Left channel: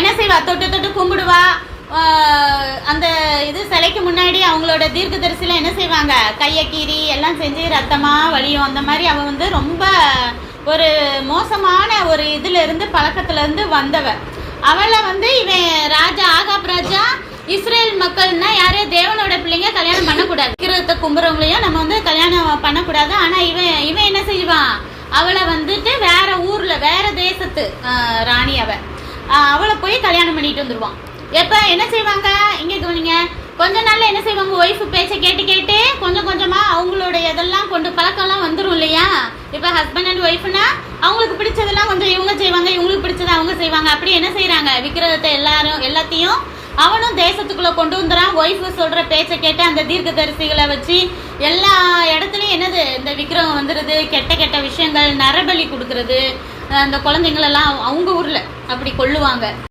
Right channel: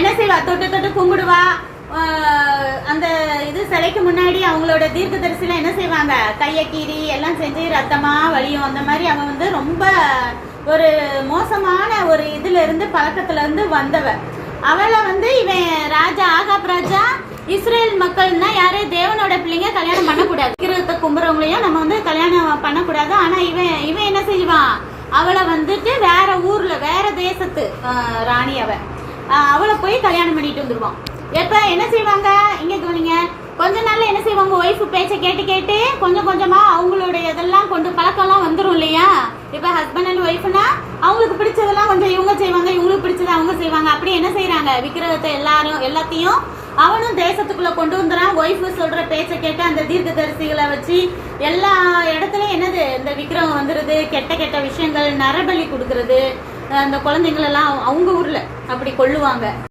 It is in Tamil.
என்ன செய்வா, தொட்டு தொட்டு கும்பிடுவா. அந்த இது சிலைக்கு முன்னாடி அவங்களோட தீர்க்கதரிசிலாம் என்ன செய்வாங்க, கையை கீறி எல்லாம் செஞ்சு ரத்தமாக வலியும். அந்த மாதிரி அவன் வந்து ரொம்ப ஒரு மோசமான ஒரு இதுல இருந்து பழக்கத்துல இருந்து வந்தவ. அவளை வந்து இவன் ராஜா ஆகாப் ராஜா இஸ்ரேல் மக்கள்னா யாரு, தேவனோட பிள்ளைங்க கல்யாணம் பண்ணக்கூடாது, விக்கிரகத்தை கும்புறவங்களையும் நம்ம வந்து கல்யாணம் பண்ணக்கூடாது. ஆனா இவன் என்ன செய்வான், அவளை வந்துட்டு வேற ஊர்ல வேற தேசத்து ராணி அவளை போய் கல்யாணம் பண்ணிட்டு வந்துருவான். எப்ப என்ன செய்வாங்க, இங்க கவனிங்க, கொஞ்ச நாள்ல என்ன செய்வாங்க, ஒய்ஃபு பேச்சை கேட்டு கேட்டு கொஞ்சம் கொஞ்சமா அவங்களுடைய இதெல்லாம் கொண்டு பழக்கம்லாம் வந்துடும் இல்லையா. இப்ப ஹஸ்பண்ட் அண்ட் ஒய்ஃப்னா அவங்களுக்கு பிடிச்சதெல்லாம் கொஞ்சம் இவங்க செய்வாங்க, இவங்களுக்கு பிடிச்சதை அவங்க செய்வாங்க. அப்படி என்ன செய்யறாங்க, விக்கிரகத்தை எல்லாத்தையும் அவனும் தேசத்துக்குள்ள கொண்டு வந்துறான். ஒய்ஃபு சொல்ற பேச்சை கேட்டு அந்த தீர்க்கதரிசிகளை வச்சு எல்லா இடத்துலயும் என்னது, இந்த விக்கிரகம் வந்துருது, கெட்ட கெட்ட விஷயங்கள், நரபலி கொடுக்கறது, அந்த குழந்தைங்களெல்லாம் அவங்க ஊர்ல அப்படி கொள்ளுவாங்க.